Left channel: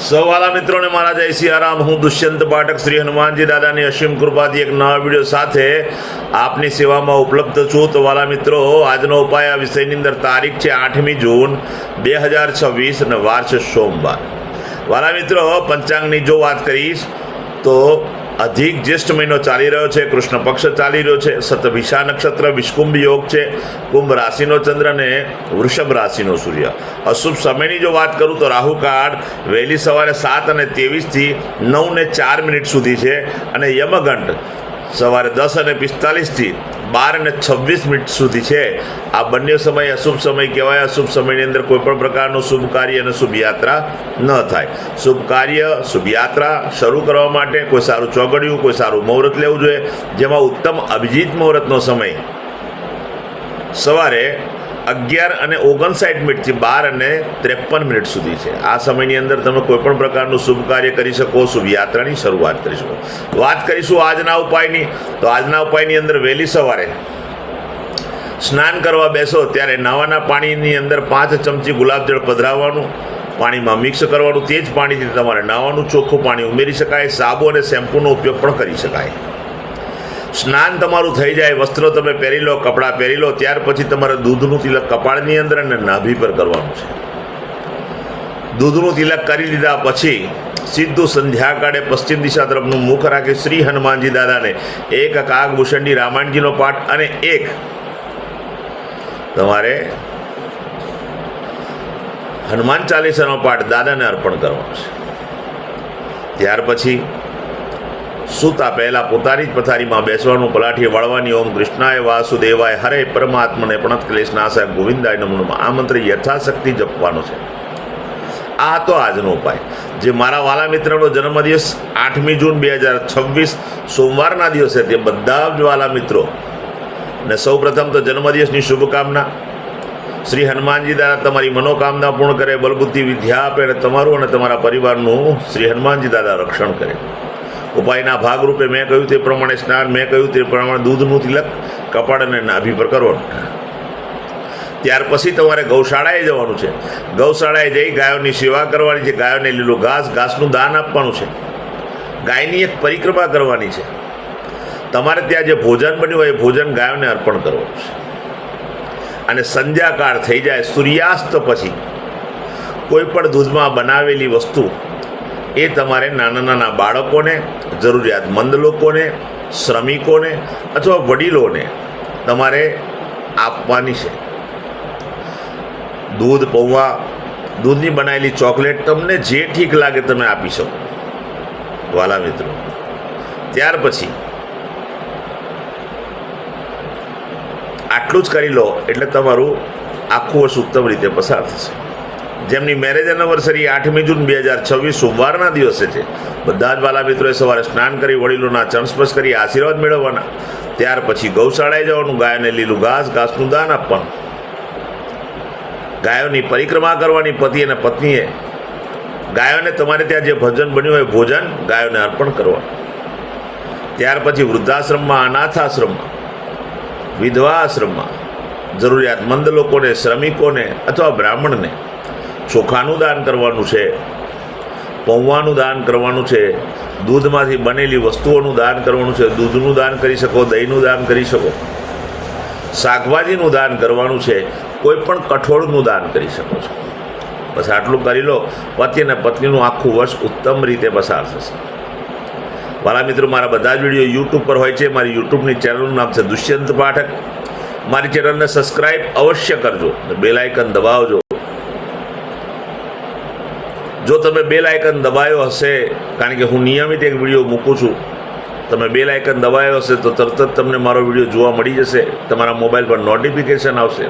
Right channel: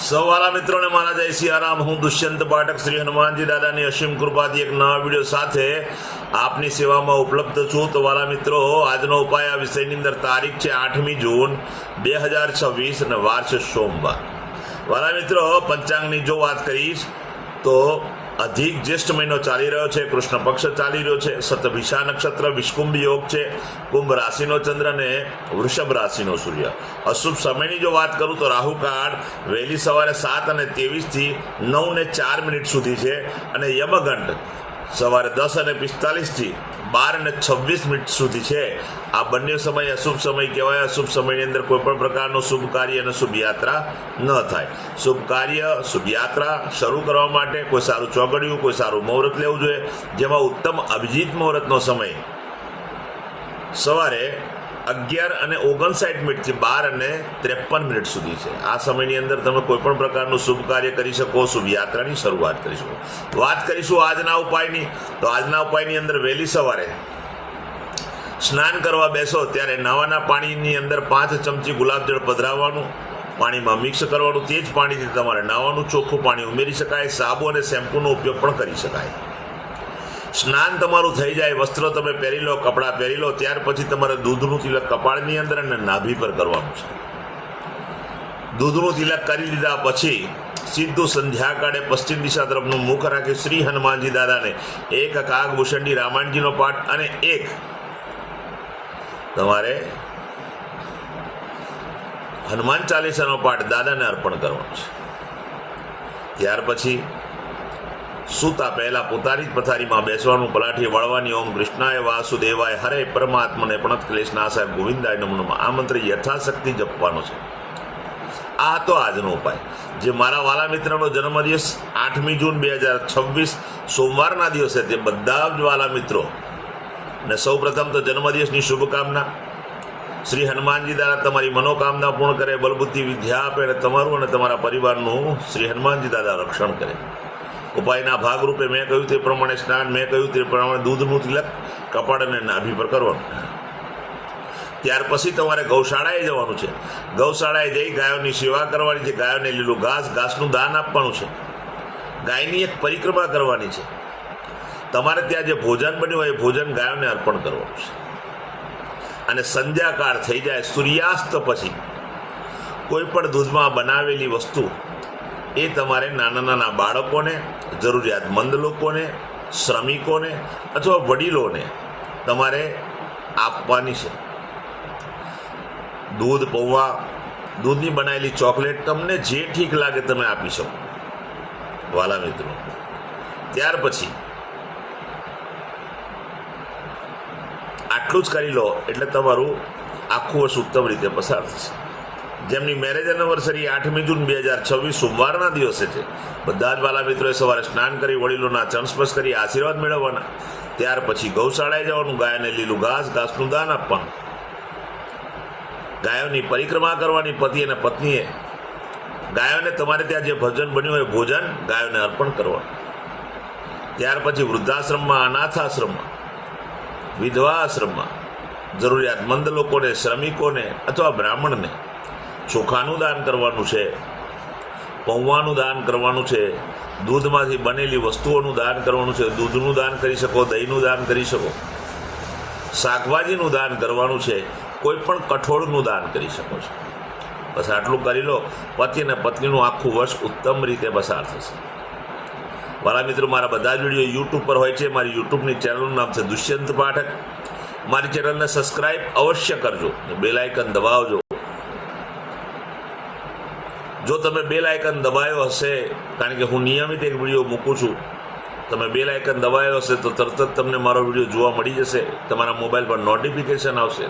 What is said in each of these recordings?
સૌવાલા મિત્રોને મારા જય સિયારામ। હું દુષ્યંત પાઠક શ્રી હનુમાનજી દાદાની અસીમ કૃપાથી એક નવા વિડીયો સાથે આપની સેવામાં ઉપલબ્ધ છું। તો વાલા મિત્રો, આજનો ઉપાય આ વિષયની અંદર તારીખ છે 8મી જૂન 2026 અને વાર છે સોમવાર। વાલા મિત્રો, પંચાંગની જો વાત કરીશ તો અધિક જ્યેષ્ઠ મહિનો ચાલી રહ્યો છે, કૃષ્ણ પક્ષ ચાલી રહ્યો છે, શતભિષા નક્ષત્ર, વિષકુંભ યોગ છે, કુંભ રાશિનો ચંદ્ર અને વૃષભ રાશિનો સૂર્ય। અશુભ સમયની જો વાત કરું તો રાહુકાળ વહેલી સવારે 7:23 થી 9:04 સુધી છે અને યમઘંટ સવારે 10:45 થી 12:26 સુધી છે। આ બંને સમય અશુભ સમય કહેવાય। અશુભ સમયની અંદર કોઈ પણ પ્રકારનું શુભ કાર્ય અને શુભ યાત્રા ન થાય। શુભ કાર્ય, શુભ યાત્રા શરૂ કરવા માટે કોઈ સારું ચોગડિયું, કોઈ સારું મુહૂર્ત લેવું જોઈએ, જેમાં ઉત્તમ અભિજીત મુહૂર્તનો સમય સવારે 11:59 થી 12:53 સુધી છે। આ સમયની અંદર તમે કોઈ પણ પ્રકારનું શુભ કાર્ય કરી શકો, શુભ યાત્રાની શરૂઆત કરી શકો। વાત કરીશું આજના ઉપાયની। તો આજના ઉપાયની અંદર વહેલી સવારે સ્નાન કરવા બેસો ત્યારે નવાના પાણીની અંદર 5 ચમચી ગુલાબજળ પધરાવવાનું, પાણીમાં મિક્સ કરવાનું, તે જ પાણીથી તમારે નાવાનું, ચોખ્ખું પાણી ઉમેરી શકાય। સાબુ અને શેમ્પૂનો ઉપયોગ પણ કરી શકાય। સ્નાન તમારું થઈ જાય, વસ્ત્રો તમે પહેરી લો, કપડાં પહેરી લો, ત્યાર પછી તમારે દૂધનું તિલક કપાળની અંદર અને નાભી પર કરવાનું છે। દૂધનું તિલક કરી લીધા પછી સીધું સંધ્યાકાળે પશ્ચિમ દિશા તરફનું મુખ રાખી શ્રી હનુમાનજી દાદાને એક કાગભૂષણની રામાયણજીનો પાઠ અને એક તમારે હનુમાન ચાલીસાનો પાઠ દાદાને અર્પણ કરવાનો છે। ત્યાર પછી સૂતા પહેલા પોતાની જ પથારીમાં બેસવાનું, પલાઠી વાળવાની, ઓમ કૃષ્ણાય વાસુદેવાય હરે પરમાત્મને પ્રણત ક્લેશનાશાય ગોવિંદાય નમો આ મંત્ર યથાશક્તિ જપવાનો છે। આ તો આજનો ઉપાય। જે મારા વાલા મિત્રનો જન્મદિવસ 8મી જૂન 2026 સોમવારના દિવસે, તે બધા જ વાલા મિત્રો ને સૌ પ્રથમ તો જન્મદિવસની શુભકામના। શ્રી હનુમાનજી દાદા તમારી મનોકામના પૂર્ણ કરે, બલબુદ્ધિ વિદ્યા આપે અને તમારું અને તમારા પરિવારનું શ્રી હનુમાનજી દાદા રક્ષણ કરે। ઉપાયના ભાગરૂપે મેં કહ્યું તે પ્રમાણે સ્નાન, મેં કહ્યું તે પ્રમાણે દૂધનું તિલક કપાળ અને નાભી પર કરવાનું। ત્યાર પછી તમારે ગૌશાળાએ જવાનું છે। ગૌશાળાએ જઈ ગાયોની સેવા કરવાની છે। ગાયોને લીલું ઘાસનું દાન આપવાનું છે। ગાયની એક પરિક્રમા કરવાની છે। તમારે ત્યાં જે ભોજન બન્યું હોય એ ભોજન ગાયોને અર્પણ કરવાનું છે। અને સંધ્યાકાળ થઈ જાય, સૂર્યાસ્ત પછી કોઈ પણ દૂધમાં બનાવેલી વસ્તુ એ તમારે નાના નાના બાળકોને, જરૂરિયાતમંદ લોકોને, શ્રમિકોને અથવા વડીલોને તમારે આપવાની છે। દૂધ, પૌવા, દૂધની બનાવેલી ચોકલેટ, તમને જે ઠીક લાગે તમે આપી શકો વાલા મિત્રો। ત્યાર પછી આટલું જ કરી લો એટલે તમારું આખું વર્ષ ઉત્તમ રીતે પસાર થશે। જેમની મેરેજ એનિવર્સરી 8મી જૂન 2026 સોમવારના દિવસે છે, બધા જ વાલા મિત્રોએ સવારે સ્નાન કરી વડીલોના ચરણસ્પર્શ કરી આશીર્વાદ મેળવવાના। ત્યાર પછી ગૌશાળાએ જવાનું, ગાયોને લીલું ઘાસનું દાન આપવાનું, ગાયોની પરિક્રમા કરવાની, પતિ અને પત્નીએ ગાયોને તમારે ત્યાં જે ભોજન બન્યું હોય ભોજન ગાયોને અર્પણ કરવાનું। ત્યાર પછી વૃદ્ધાશ્રમમાં, અનાથાશ્રમમાં, વિધવા આશ્રમમાં જરૂરિયાતમંદ લોકોને, શ્રમિકોને અથવા બ્રાહ્મણને ચોખાનું દાન કરવાનું છે, પૌવાનું દાન કરવાનું છે, દૂધમાંથી બનેલી વસ્તુઓનું દાન કરવાનું છે। દૂધનું દાન કરી શકો, દહીંનું દાન કરી શકો, શાકભાજીનું દાન કરવાનું છે, કોઈ પણ કઠોળનું દાન કરી શકો છો। બસ આટલું કરી લો, પતિ અને પત્નીનું આખું વર્ષ ઉત્તમ રીતે પસાર થશે। મારા મિત્રો, મારા બધા જ વિડીયો યુટ્યુબ પર હોય છે। મારી યુટ્યુબની ચેનલનું નામ છે દુષ્યંત પાઠક। મારી ચેનલને સબસ્ક્રાઈબ અવશ્ય કરજો, બેલ આઇકન દબાવજો। જો તમે બેલ આઇકન દબાવ્યો હશે, કારણ કે હું નિયમિત એક વિડીયો મૂકું છું, તમે બેલ આઇકન દબાવ્યો હશે તો તરત જ તમને મારો વિડીયો જોવા મળી જશે, તમારા મોબાઈલ પર નોટિફિકેશન આવશે।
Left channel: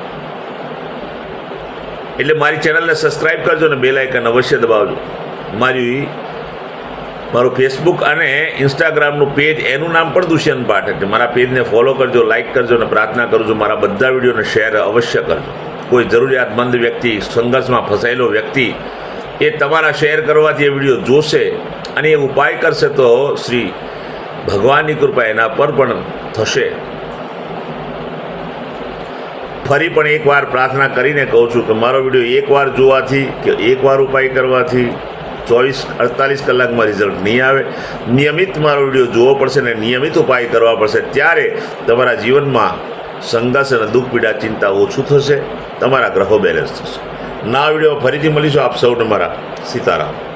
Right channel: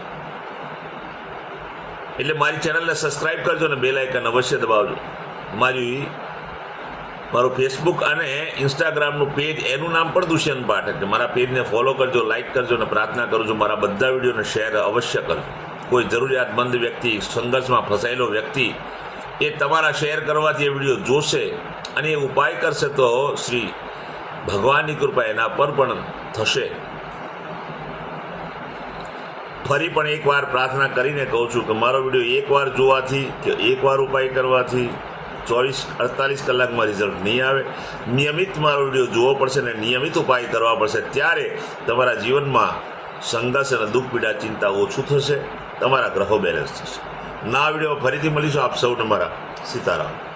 એટલે મારી ચેનલને સબસ્ક્રાઈબ કરજો અને બેલ આઇકન અવશ્ય દબાવજો। મારું ફેસબુક અને ઇન્સ્ટાગ્રામનું પેજ, એનું નામ પણ દુષ્યંત પાઠક છે। મારા પેજને ફોલો કરજો, લાઇક કરજો અને પ્રાર્થના કરું છું મારા બધા વિડીયોને શેર અવશ્ય કરજો। કોઈ જરૂરિયાતમંદ વ્યક્તિ, સંઘર્ષમાં ફસાયેલો વ્યક્તિ એ તમારા શેર કરવાથી એ વિડીયો જોશે અને એ ઉપાય કરશે તો શ્રી ભગવાનની કૃપા એના પર પણ થશે। ફરી પણ એકવાર પ્રાર્થના કરીને કહું છું કે મારો વિડીયો એકવાર જોવાથી કે એકવાર ઉપાય કરવાથી 48 કલાકમાં રિઝલ્ટ નહીં આવે. નિયમિત મારો વિડીયો જોવો પડશે અને નિયમિત ઉપાય કરવા પડશે. ત્યારે તમારા જીવનમાં સંઘર્ષ અને દુઃખ પીડા ચિંતા ઓછું થશે. તમારા ગ્રહો બેલેન્સ થશે. નવા વિડીયો ફરીથી મળીશું. આપ સૌને મારા સીતારામ.